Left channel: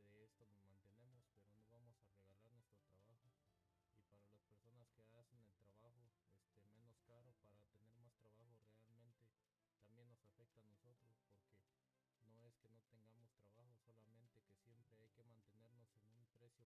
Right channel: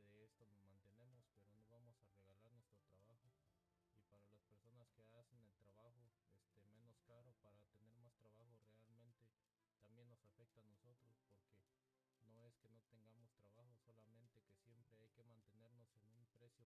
que de esto nos mantenemos, pero no vamos a regalar nuestro trabajo. Y para las personas que hacen el trabajo menos caro para tener más trabajo, realmente también nos afecta a nosotros, porque no es que no tengamos trabajo, solamente que siempre hay que mantener